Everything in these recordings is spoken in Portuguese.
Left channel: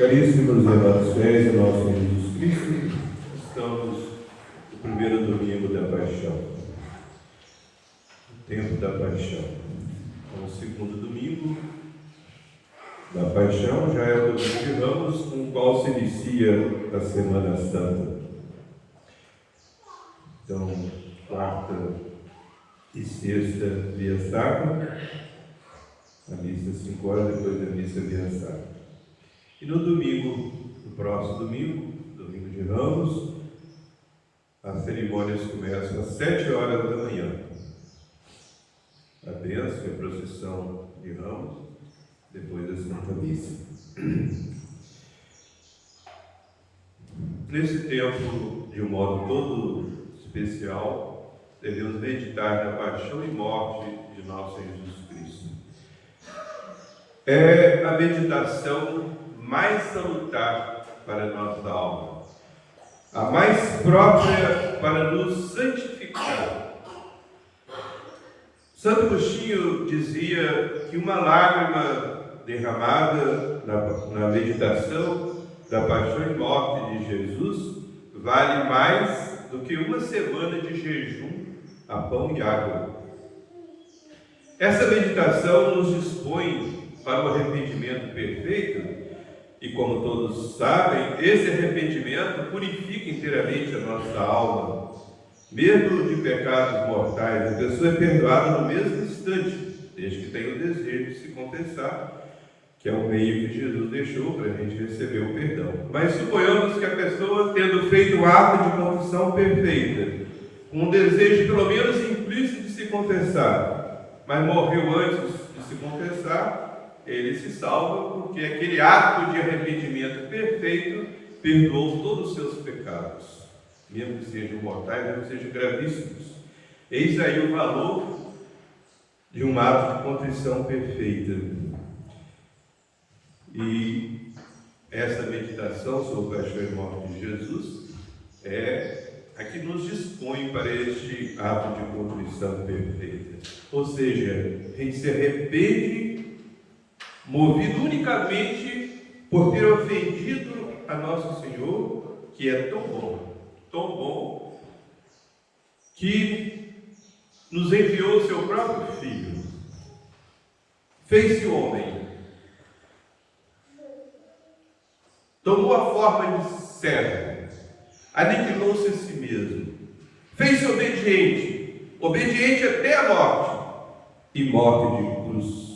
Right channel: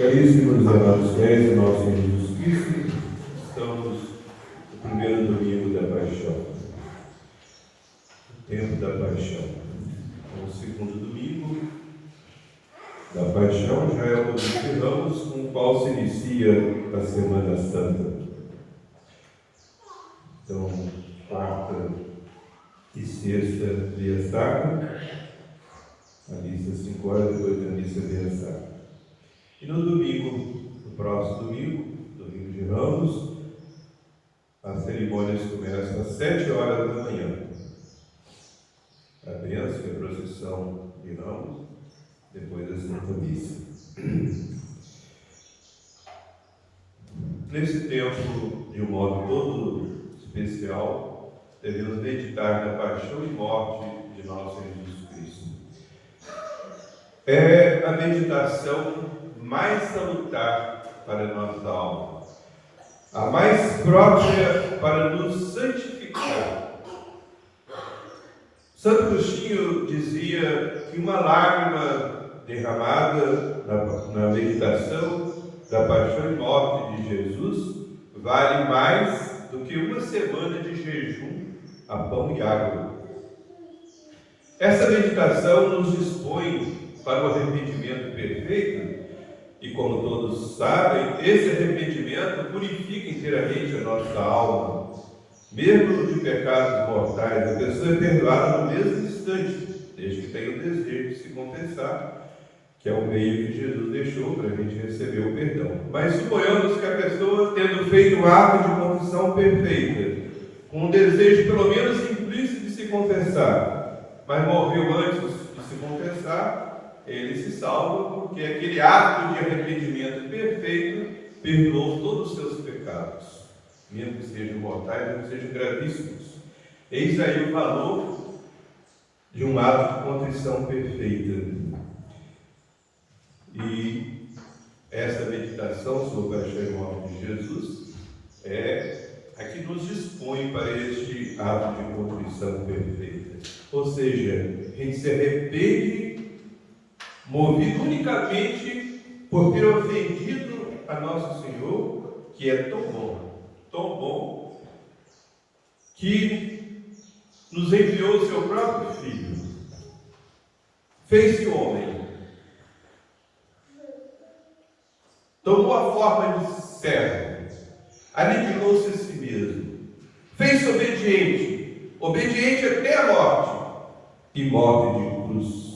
Caríssimos amados fiéis, nosso Senhor Jesus Cristo, estamos no primeiro domingo da Paixão, o tempo da Paixão. É o segundo domingo da Paixão, já é o domingo de Ramos, com o qual se inicia a Semana Santa. Então, quarta e sexta, via sacra, a missa 5 horas, depois da missa via sacra. E no domingo, no próximo domingo, domingo de Ramos, as cerimônias começam às 7 horas da manhã. A bênção e a procissão de Ramos, depois da Santa Missa. Nesse tempo, de um modo todo especial, devemos meditar na paixão e morte de nosso Senhor Jesus Cristo. É a meditação mais salutar para a nossa alma, a mais própria para nos santificar. Santo Agostinho dizia que uma lágrima derramada na meditação da paixão e morte de Jesus vale mais do que uma semana de jejum a pão e água. Essa meditação nos dispõe para o arrependimento perfeito. E como todos sabem, esse arrependimento purifica inteiramente a nossa alma. Mesmo de pecados mortais, a pessoa é perdoada no mesmo instante, desde que tenha o desejo de se confessar, que é o meio que Jesus deixou para a gente receber o perdão. Mas suponhamos que a pessoa, tendo feito um ato de confissão perfeita, com um desejo pelo menos implícito de se confessar, mas morreu antes de se confessar, ele se salva porque aquele ato de arrependimento perfeito perdoou todos os seus pecados, mesmo que sejam mortais, mesmo que sejam gravíssimos. Eis aí o valor de um ato de contrição perfeita. E essa meditação sobre a paixão e morte de Jesus é a que nos dispõe para este ato de contrição perfeita. Ou seja, a gente se arrepende movido unicamente por ter ofendido a nosso Senhor, que é tão bom, que nos enviou o seu próprio Filho, fez-se homem, tomou a forma de servo, aniquilou-se a si mesmo, fez-se obediente até a morte, e morte de cruz,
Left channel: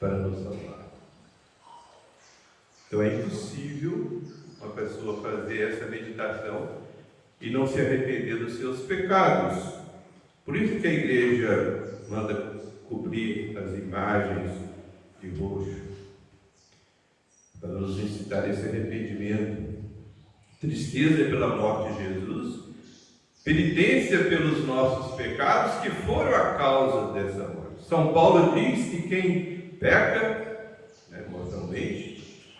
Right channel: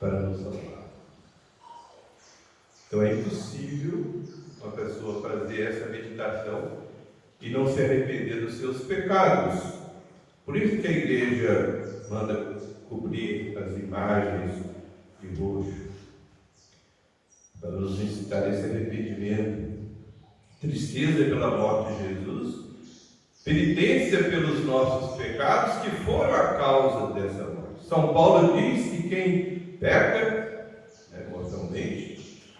para nos salvar. Então é impossível uma pessoa fazer essa meditação e não se arrepender dos seus pecados. Por isso que a igreja manda cobrir as imagens de roxo, para nos incitar a esse arrependimento. Tristeza pela morte de Jesus, penitência pelos nossos pecados que foram a causa dessa morte. São Paulo diz que quem peca, mortalmente,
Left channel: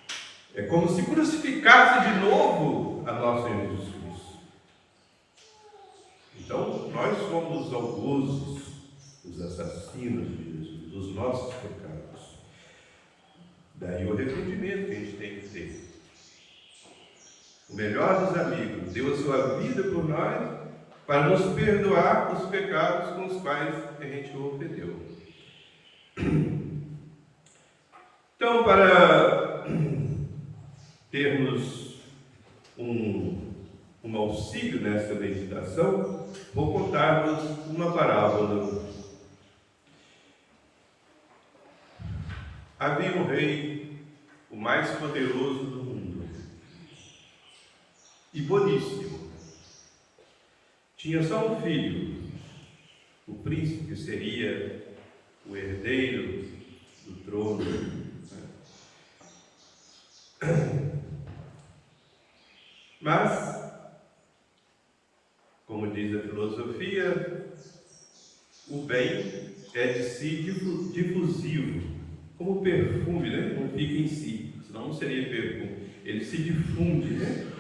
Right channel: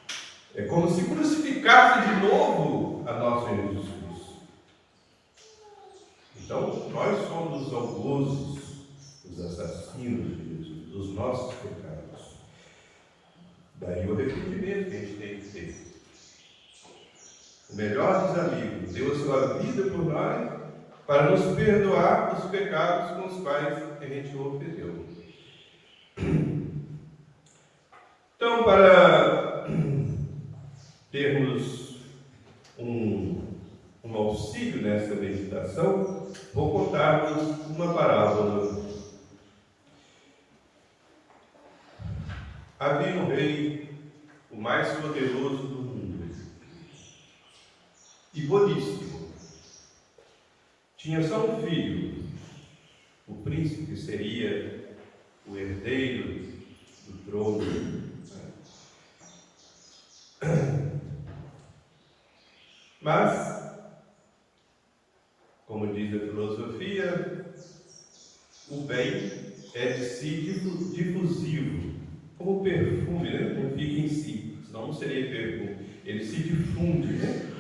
é como se crucificasse de novo a nosso Jesus Cristo. Então, nós somos os algozes, os assassinos de Jesus, dos nossos pecados. Daí o arrependimento que a gente tem que ter. O melhor dos amigos deu a sua vida por nós para nos perdoar os pecados com os quais a gente o ofendeu. Então, para termos um auxílio nessa meditação, vou contar-vos uma parábola. Havia um rei, o mais poderoso do mundo, e boníssimo. Tinha só um filho, o príncipe seria o herdeiro do trono. Mas, como diz a filosofia, o bem é de si difusivo, como perfume, não fica em si, senão não seria perfume, ele se difunde,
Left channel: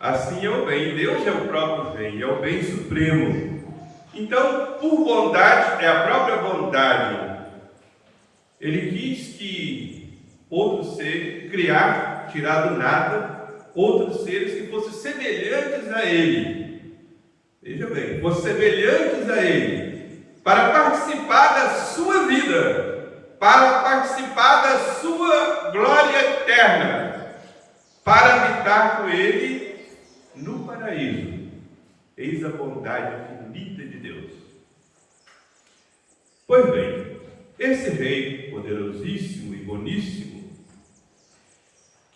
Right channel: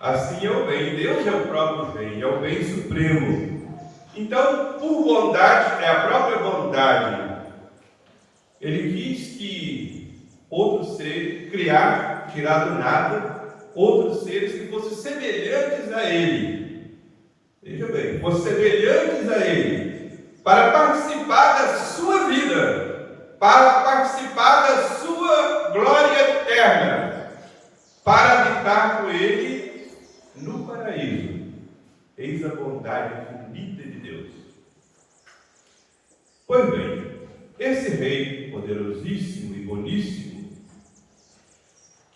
Assim é o bem, Deus é o próprio bem, é o bem supremo. Então, por bondade, é a própria bondade. Ele quis que outro ser, criar, tirar do nada, outros seres que fossem semelhantes a ele. Veja bem, fossem semelhantes a ele, para participar da sua vida, para participar da sua glória eterna, para habitar com ele no paraíso. Eis a bondade infinita de Deus. Pois bem, esse rei poderosíssimo e boníssimo,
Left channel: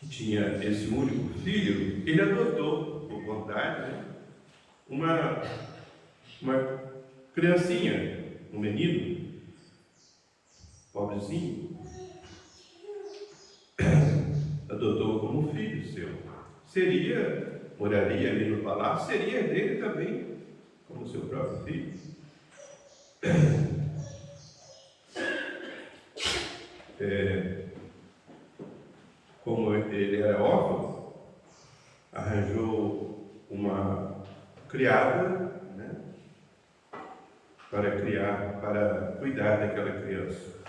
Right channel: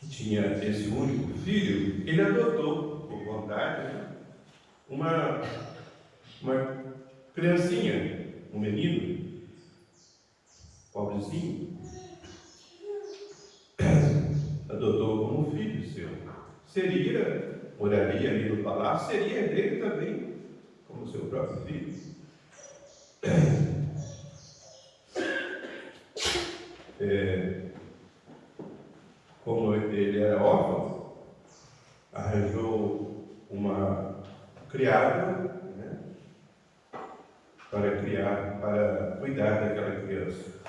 que tinha esse único filho, ele adotou, por vontade, uma criancinha, um menino, pobrezinho, adotou como um filho seu. Moraria ali no palácio, seria dele também, como seu próprio filho. Como ele era órfão, arranjou uma criada, né, para cuidar daquela criança,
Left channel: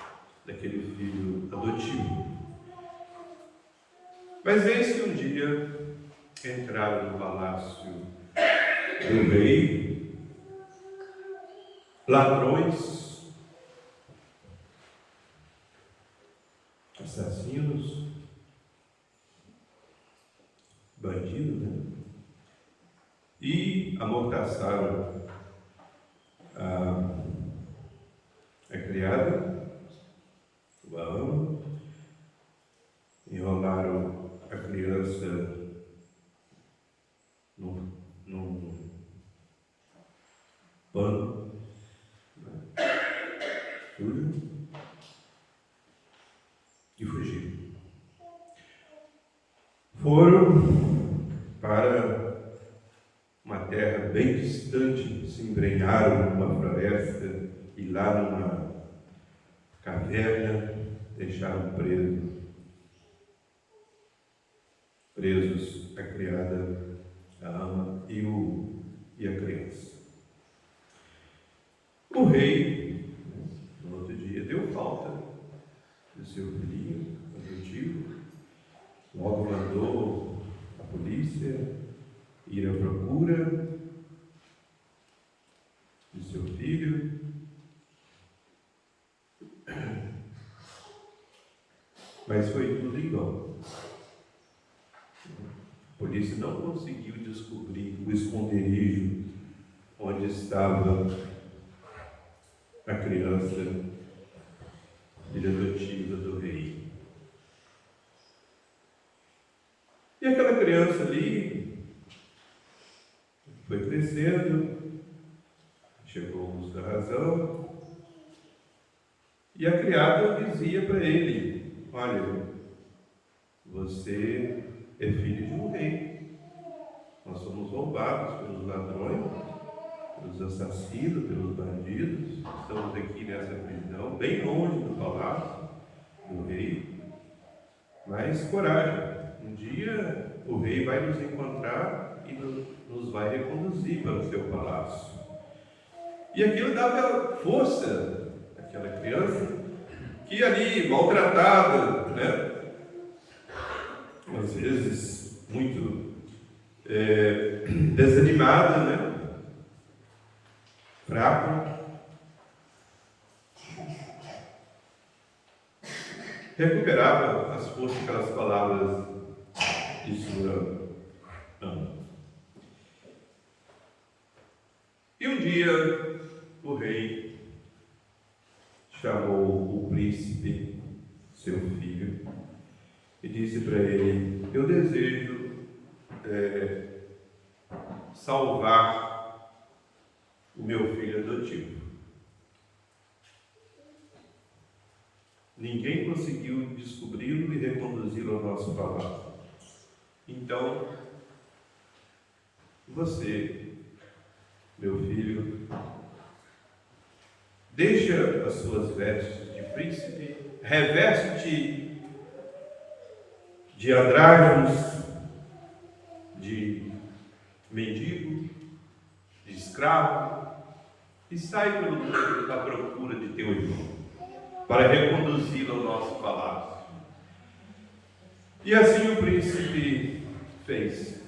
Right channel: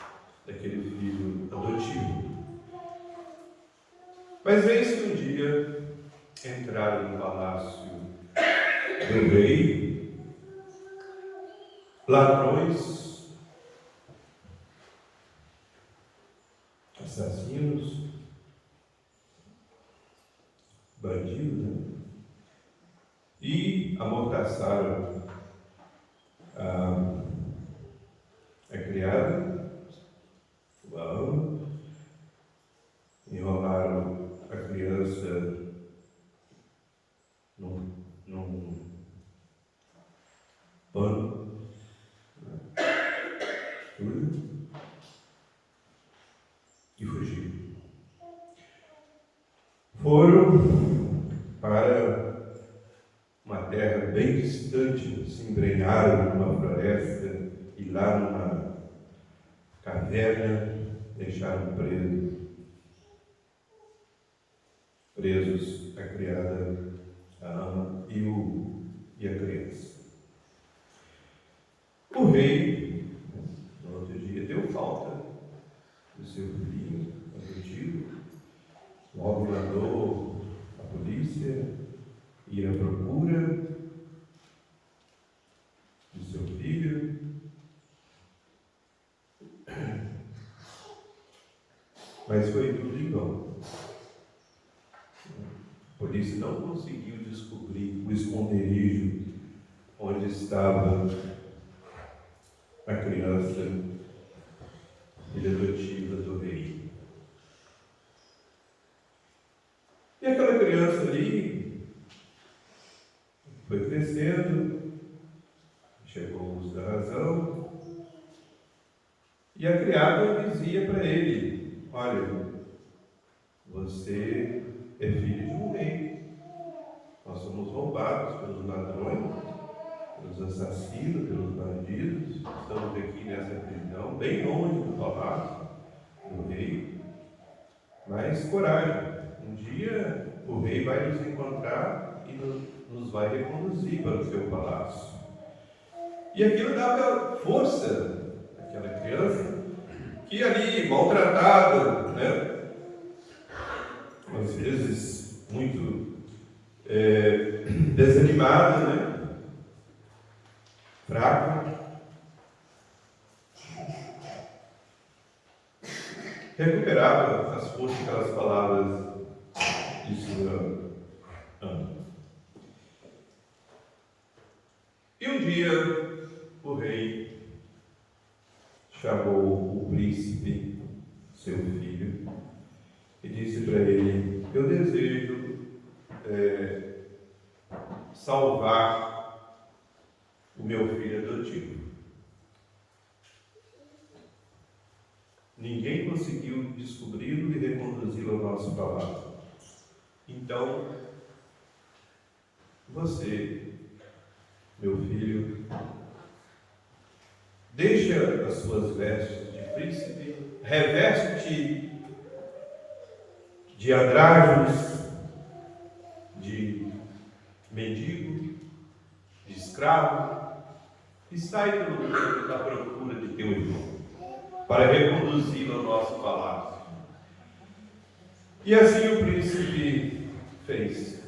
daquele filho adotivo. Mas eis que um dia entraram no palácio do rei ladrões, assassinos, bandidos, né? E amordaçaram a criada, o Aão, enrolaram a criança num pano, né, sujo, e fugiram. Foram para uma terra bem distante, se embrenharam numa floresta e lá numa caverna deixaram presos a criada, a ama e a criança. O rei, no outro dia, deu falta do seu filhinho adotivo, logo mandou a polícia ir à procura do seu filho. Mas foi tudo em vão. A polícia não conseguiu descobrir o esconderijo onde estava a criança, filha adotiva do rei. E aquela criança ali foi crescendo, chegou ao uso da razão, e a criada dizia para ele: olha, você é filho de um rei. Nós somos roubados pelos ladrões, pelos assassinos, pelos bandidos. Estamos aqui nessa prisão, bem longe do palácio do rei. Mas coragem, um dia o rei vai nos encontrar e nos vai reconduzir para o seu palácio. E aquilo dava força àquela criança, que ali, maltratada, né? Às vezes muito desanimada, né? Fraca, recuperava as forças daquelas palavras de sua ama. E um dia o rei chamou o príncipe, seu filho, e disse para ele: eu desejo salvar o meu filho adotivo. Ninguém conseguiu descobri-lo e reconduzi-lo ao nosso palácio. Então, você, meu filho, deixa as suas vestes de príncipe, reveste-te de andrajos, de mendigo, de escravo, e sai pelo mundo à procura de teu irmão, para reconduzi-lo ao nosso palácio. E assim o príncipe fez.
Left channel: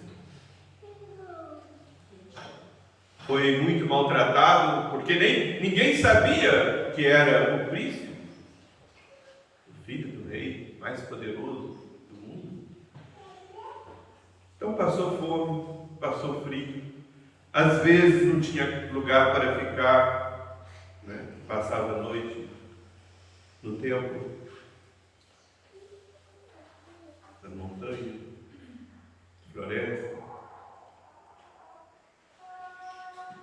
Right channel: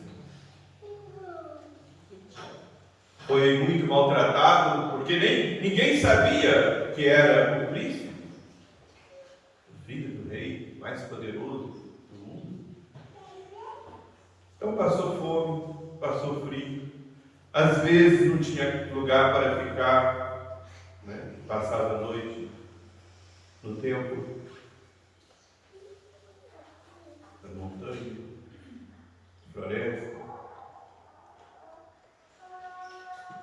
Foi muito maltratado, porque ninguém sabia que era o príncipe, o filho do rei mais poderoso do mundo. Então passou fome, passou frio, às vezes não tinha lugar para ficar, né? Passava a noite no templo, na montanha, floresta.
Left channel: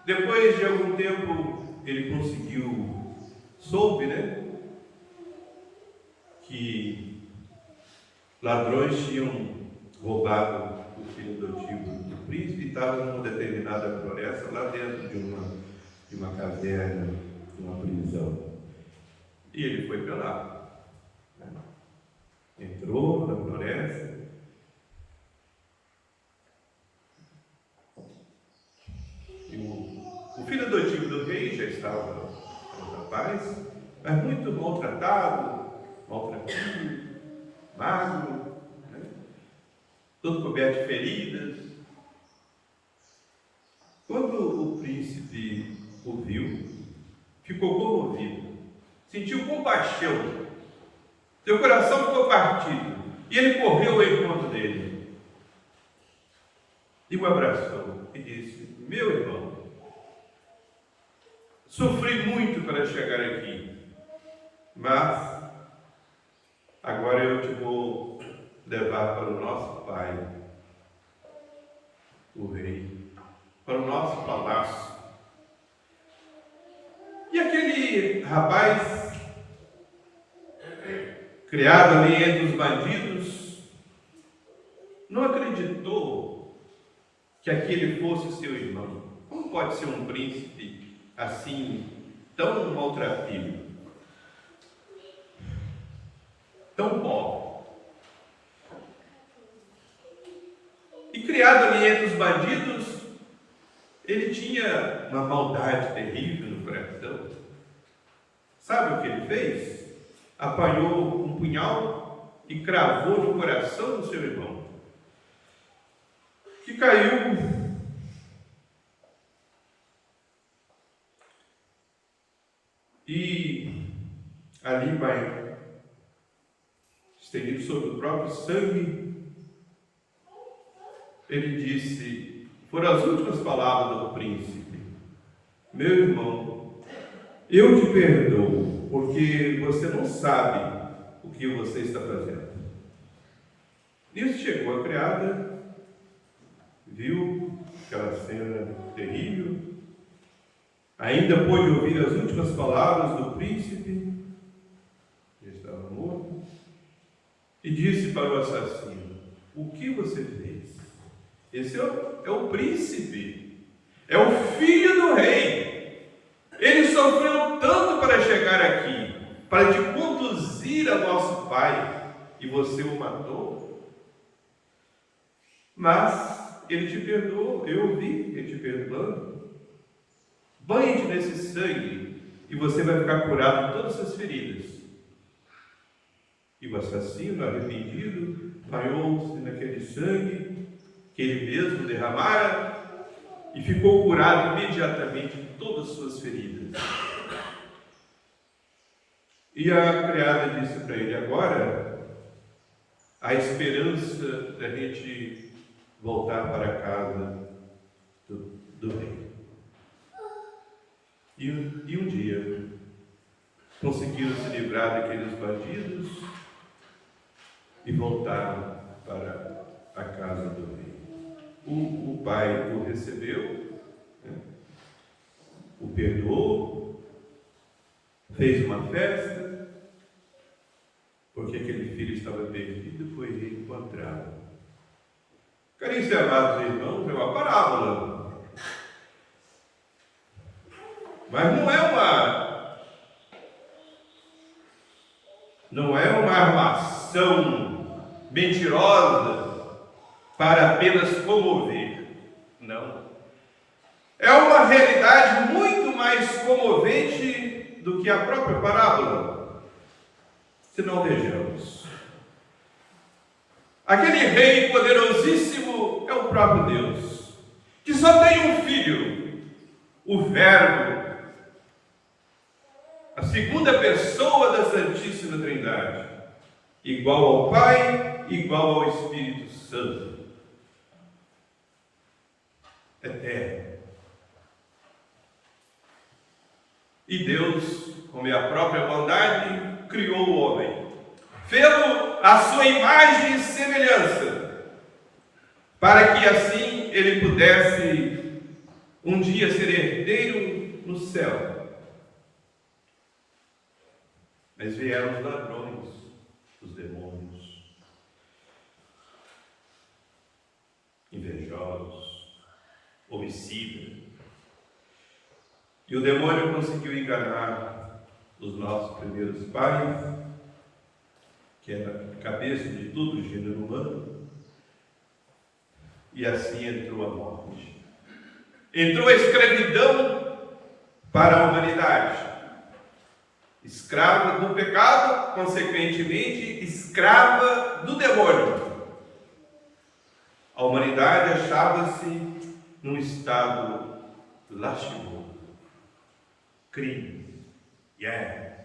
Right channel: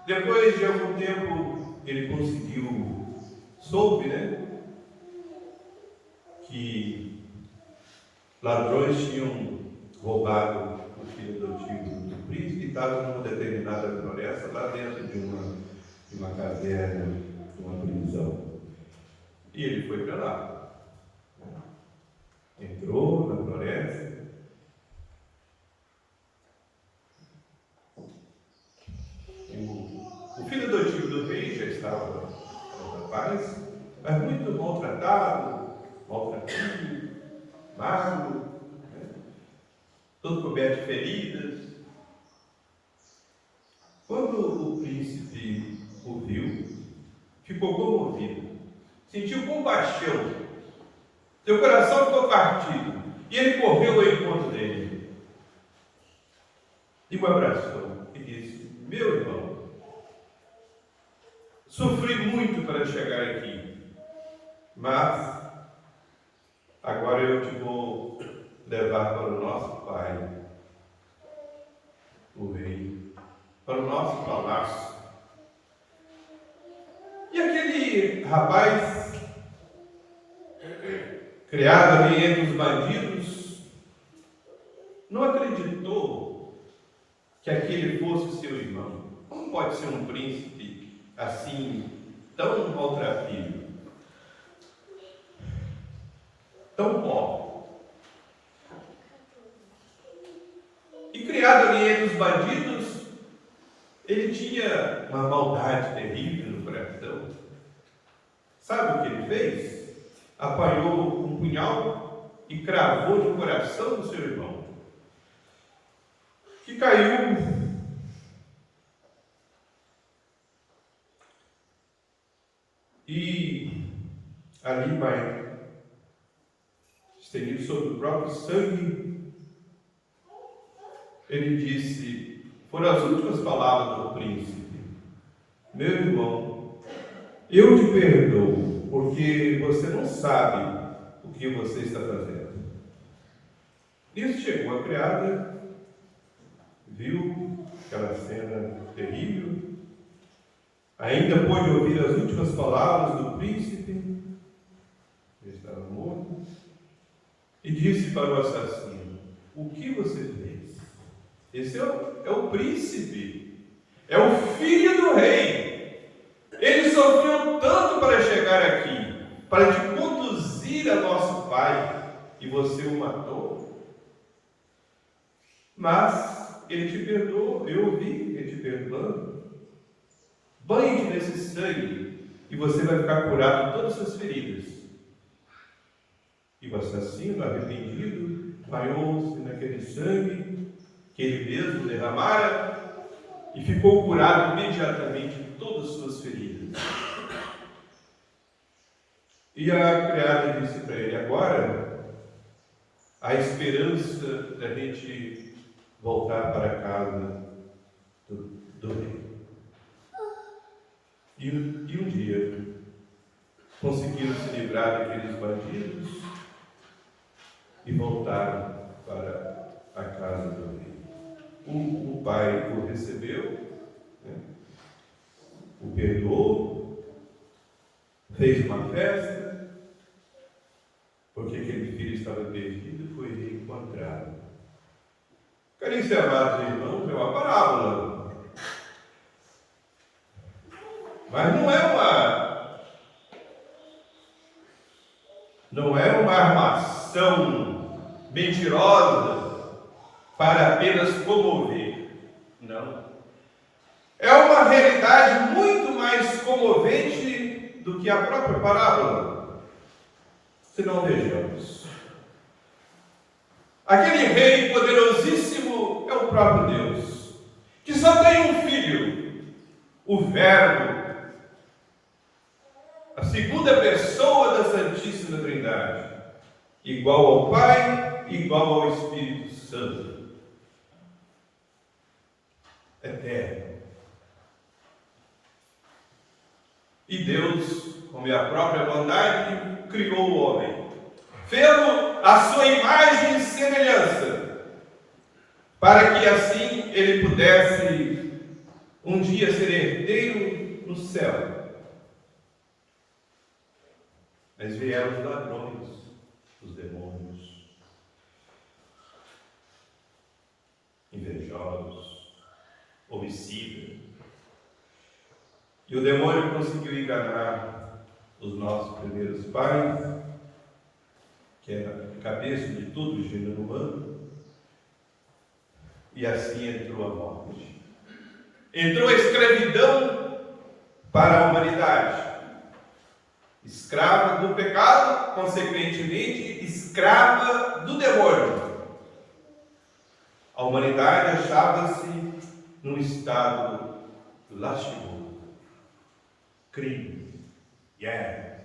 Depois de algum tempo, ele soube, né, que ladrões tinham roubado o filho adotivo do príncipe e estava numa determinada floresta, lá dentro de uma caverna, de uma prisão. E ele foi para lá, né? Entrou na floresta. O filho adotivo do rei já estava na paz, mas muito maltratado, magro, né? Todo coberto de feridas. Quando o príncipe o viu, ficou comovido, sentiu compaixão, seu coração ficou partido, e ele correu ao encontro dele, e o abraçou, e disse: meu irmão, sofri muito para chegar aqui, mas agora eu te vou levar para o nosso pai, o rei, para o nosso palácio. E aquele rapaz, criado ali entre os bandidos, não acreditou que aquele fosse seu irmão. Como pode ser um príncipe assim, tão maltrapilho, tão pobre? E criado ali entre os bandidos, ele tinha uma maldade terrível no coração. Sabe o que ele fez? Apanhou um punhal e cravou no coração do seu irmão, que caiu e ali vai estendido sobre o próprio sangue. Ele disse, foram as últimas palavras do príncipe: meu irmão, eu te perdoo, porque você não sabe o que você está fazendo. Nisso chegou a criada, viu aquela cena terrível, ainda pôde ouvir as últimas palavras do príncipe, ele estava morto, e disse para o assassino: o que você fez? Esse é o príncipe, é o filho do rei. Ele sofreu tanto para chegar aqui, para te conduzir a nosso pai, e você o matou. Mas ele te perdoou, eu ouvi ele te perdoando. Banhe-te nesse sangue e você vai ficar curado de todas as suas feridas. E o assassino, arrependido, banhou-se naquele sangue que ele mesmo derramara e ficou curado imediatamente de todas as suas feridas. E a criada disse para ele: agora há esperança da gente voltar para a casa do rei. E um dia conseguiram se livrar daqueles bandidos e voltaram para a casa do rei. O pai o recebeu, né? O perdoou, fez uma festa, porque aquele filho estava perdido e foi reencontrado. Caríssimos amados irmãos, é uma parábola, mas não é uma armação mentirosa para apenas comover. Não. É uma realidade muito mais comovente do que a própria parábola. Se não, vejamos. Aquele rei poderosíssimo é o próprio Deus, que só tem um filho, o Verbo, a segunda pessoa da Santíssima Trindade, igual ao Pai, igual ao Espírito Santo, eterno. E Deus, como é a própria bondade, criou o homem, fê-lo à sua imagem e semelhança, para que assim ele pudesse um dia ser herdeiro no céu. Mas vieram os ladrões, os demônios, invejosos, homicidas. E o demônio conseguiu enganar os nossos primeiros pais, que era a cabeça de todo o gênero humano, e assim entrou a morte. Entrou a escravidão para a humanidade. Escrava do pecado, consequentemente, escrava do demônio. A humanidade achava-se num estado lastimoso. Crime, guerra,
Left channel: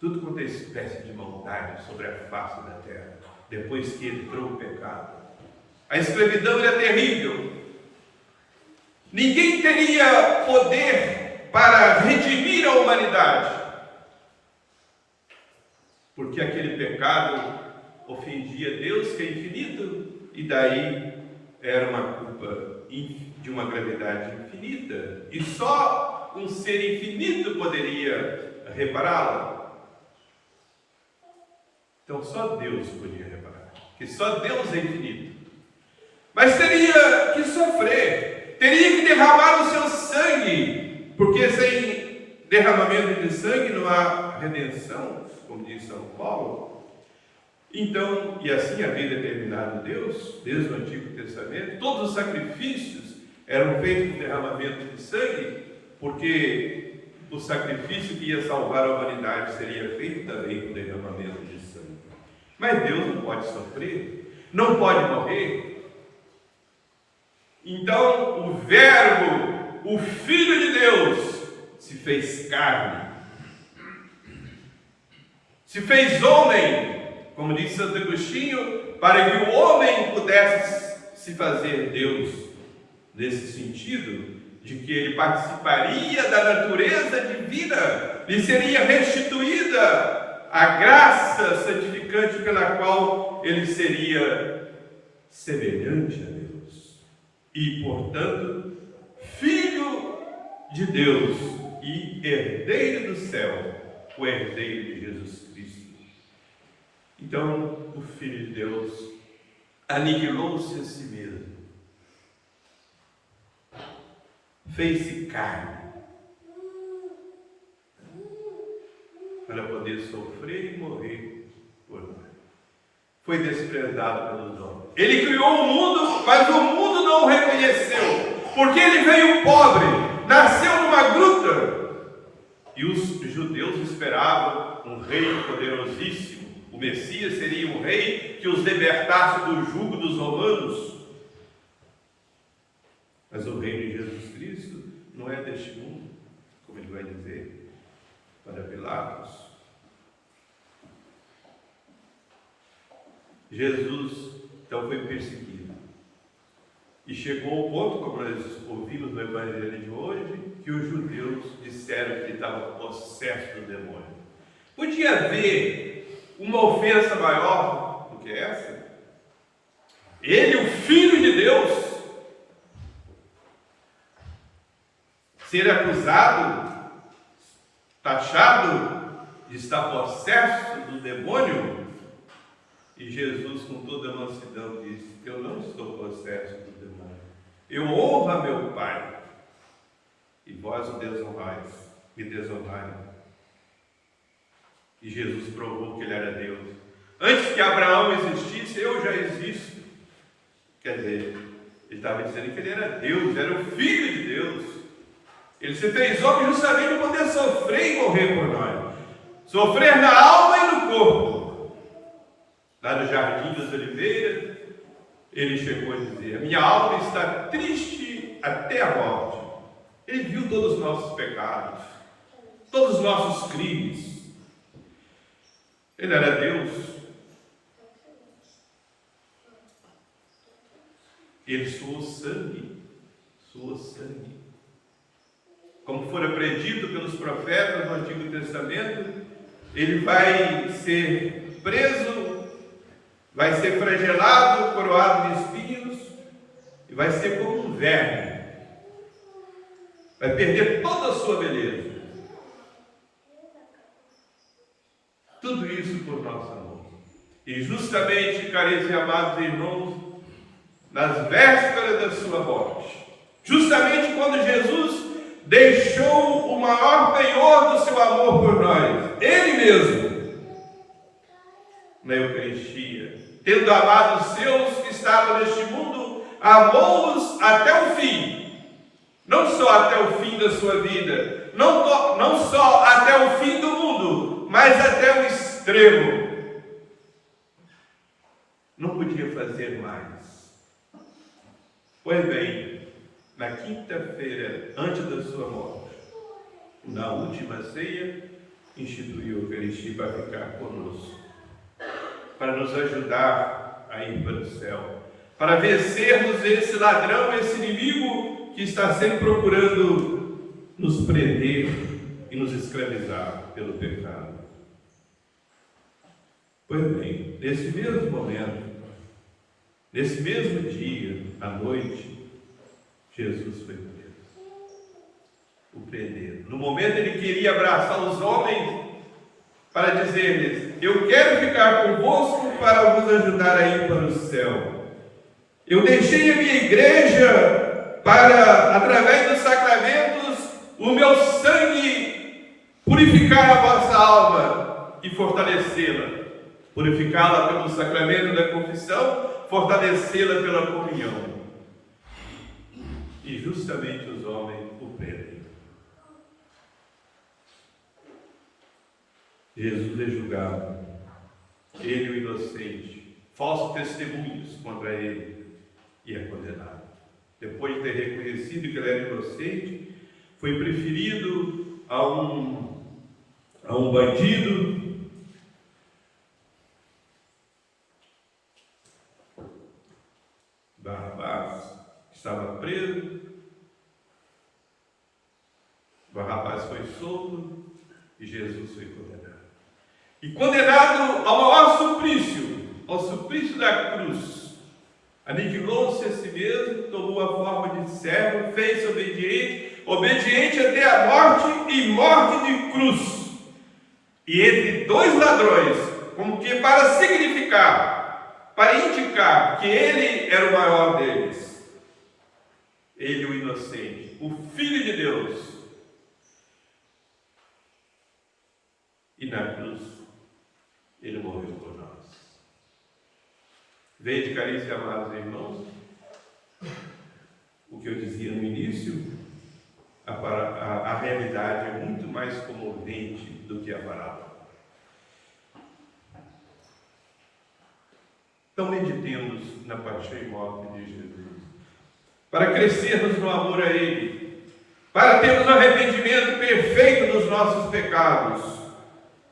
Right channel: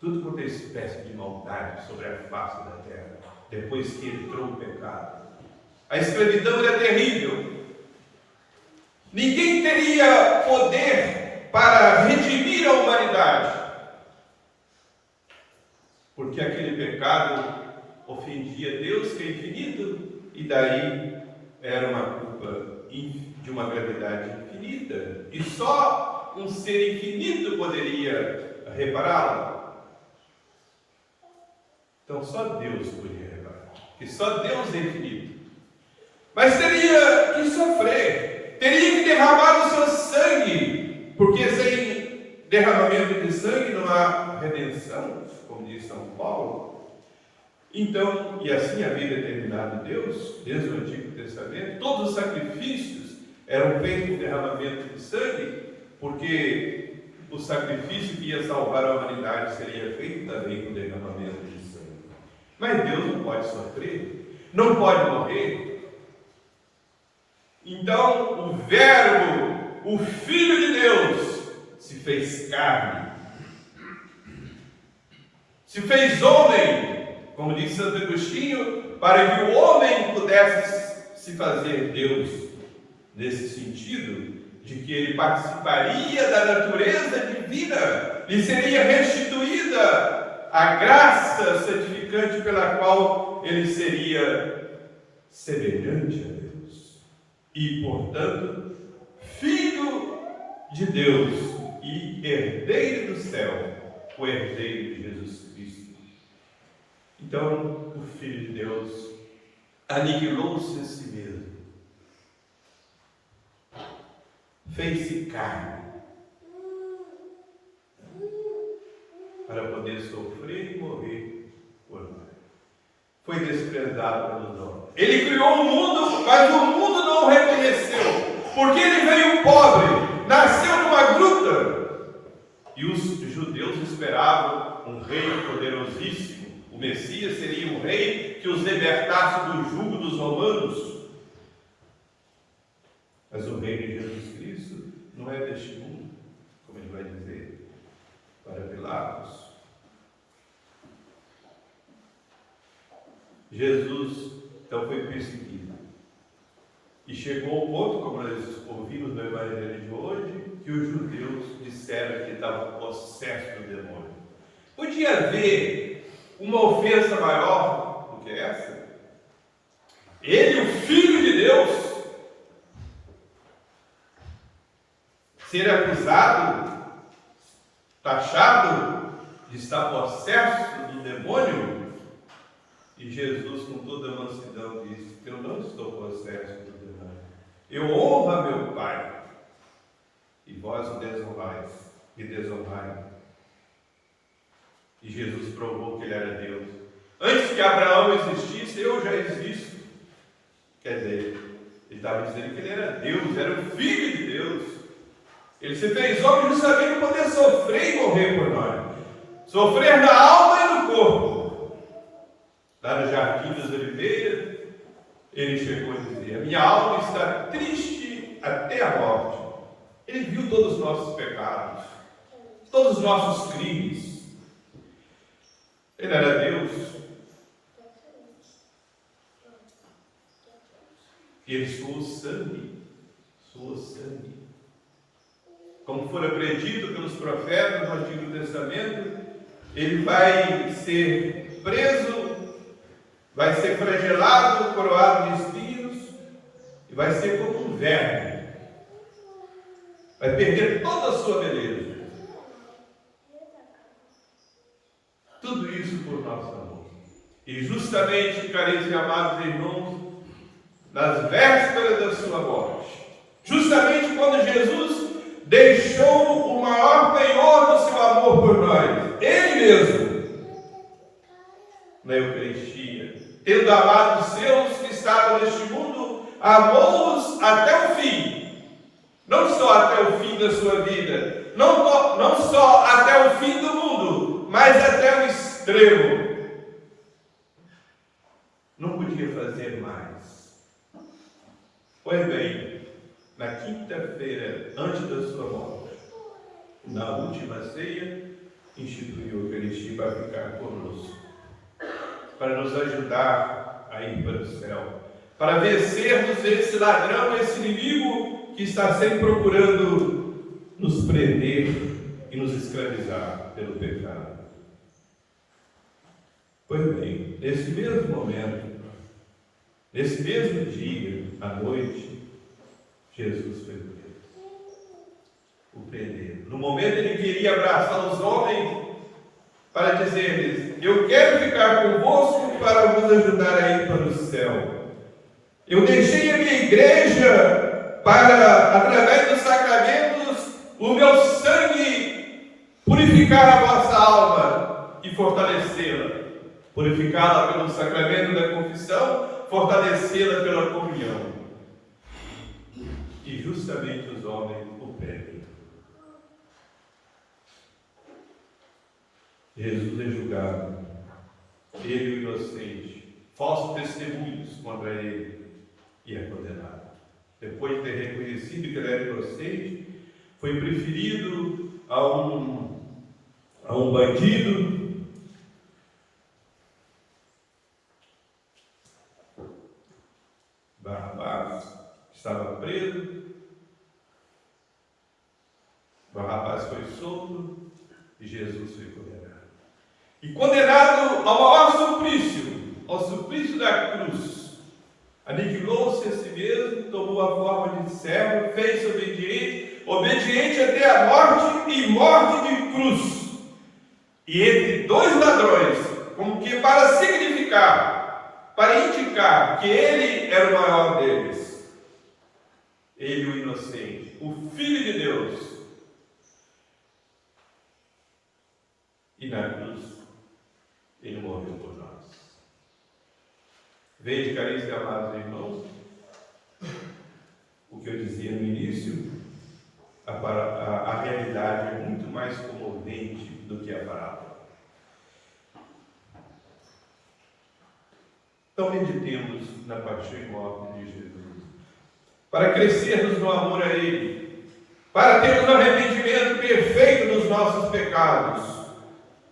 tudo quanto é espécie de maldade sobre a face da terra, depois que entrou o pecado. A escravidão era terrível. Ninguém teria poder para redimir a humanidade, porque aquele pecado ofendia Deus, que é infinito, e daí era uma culpa de uma gravidade infinita, e só um ser infinito poderia repará-la. Então só Deus podia reparar, porque só Deus é infinito. Mas teria que sofrer, teria que derramar o seu sangue, porque sem derramamento de sangue não há redenção, como diz São Paulo. Então, e assim havia determinado Deus, desde o Antigo Testamento, todos os sacrifícios eram feitos com derramamento de sangue, porque o sacrifício que ia salvar a humanidade seria feito também com derramamento de sangue. Mas Deus não pode sofrer, não pode morrer. Então, o Verbo, o Filho de Deus, se fez carne, se fez homem, como diz Santo Agostinho, para que o homem pudesse se fazer Deus, nesse sentido de que ele participaria da natureza divina, lhe seria restituída a graça santificante pela qual ele seria semelhante a Deus, e, portanto, Filho de Deus e herdeiro do céu, o herdeiro de Jesus Cristo. Então, o Filho de Deus aniquilou-se a si mesmo, fez-se carne, para poder sofrer e morrer por nós. Foi desprezado pelos homens. Ele criou o mundo, mas o mundo não o reconheceu, porque ele veio pobre, nasceu numa gruta, e os judeus esperavam um rei poderosíssimo. O Messias seria um rei que os libertasse do jugo dos romanos. Mas o reino de Jesus Cristo não é deste mundo, como ele vai dizer para Pilatos. Jesus, então, foi perseguido. E chegou ao ponto, como nós ouvimos no Evangelho de hoje, que os judeus disseram que ele estava possesso do demônio. Podia haver uma ofensa maior do que essa? Ele, o Filho de Deus, ser acusado, taxado de estar possesso do demônio, e Jesus, com toda a mansidão, disse: eu não estou possesso do demônio, eu honro a meu Pai, e vós o desonrais, me desonrai. E Jesus provou que ele era Deus. Antes que Abraão existisse, eu já existo. Quer dizer, ele estava dizendo que ele era Deus, era o Filho de Deus. Ele se fez homem justamente para poder sofrer e morrer por nós. Sofrer na alma e no corpo. lá no Jardim das Oliveiras, ele chegou a dizer: a minha alma está triste até a morte. Ele viu todos os nossos pecados, todos os nossos crimes. Ele era Deus. Ele suou sangue. Como fora predito pelos profetas no Antigo Testamento, ele vai ser preso, vai ser flagelado, coroado de espinhos, e vai ser como um verme. Vai perder toda a sua beleza. Tudo isso por nossa mão. E justamente, caríssimos e amados irmãos, nas vésperas da sua morte, justamente quando Jesus deixou o maior penhor do seu amor por nós, Ele mesmo, na Eucaristia, tendo amado os seus que estavam neste mundo, amou-os até o fim. Não só até o fim da sua vida, não só até o fim do mundo, mas até o extremo. Não podia fazer mais. Pois bem, na quinta-feira, antes da sua morte, na última ceia, instituiu a Eucaristia para ficar conosco, para nos ajudar a ir para o céu, para vencermos esse ladrão, esse inimigo que está sempre procurando nos prender e nos escravizar pelo pecado. Pois bem, nesse mesmo momento, nesse mesmo dia, à noite, Jesus foi preso. O prenderam. No momento ele queria abraçar os homens para dizer-lhes: eu quero ficar convosco para vos ajudar a ir para o céu. Eu deixei a minha igreja para, através dos sacramentos, o meu sangue purificar a vossa alma e fortalecê-la. Purificá-la pelo sacramento da confissão, fortalecê-la pela comunhão. E justamente os homens o prendem. Jesus é julgado, ele o inocente, falsos testemunhos contra ele, e é condenado. Depois de ter reconhecido que ele era inocente, foi preferido a um bandido. Barrabás estava preso. Barrabás foi solto e Jesus foi condenado. E condenado ao maior suplício, ao suplício da cruz. Aniquilou-se a si mesmo, tomou a forma de servo, fez-se obediente até a morte e morte de cruz. E entre dois ladrões, como que para significar, para indicar que ele era o maior deles, ele o inocente, o Filho de Deus. E na cruz, ele morreu por nós. Vede, caríssimos e amados irmãos, o que eu dizia no início, a realidade é muito mais comovente do que a parábola. Então meditemos na paixão e morte de Jesus, para crescermos no amor a Ele, para termos um arrependimento perfeito dos nossos pecados,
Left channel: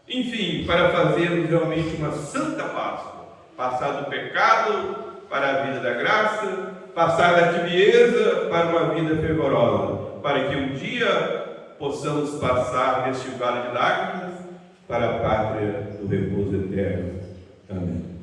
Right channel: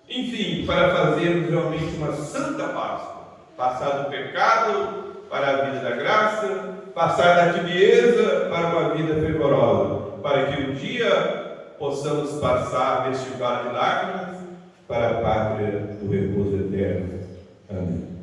enfim, para fazermos realmente uma santa Páscoa, passar do pecado para a vida da graça, passar da tibieza para uma vida fervorosa, para que um dia possamos passar deste vale de lágrimas para a pátria do repouso eterno. Amém.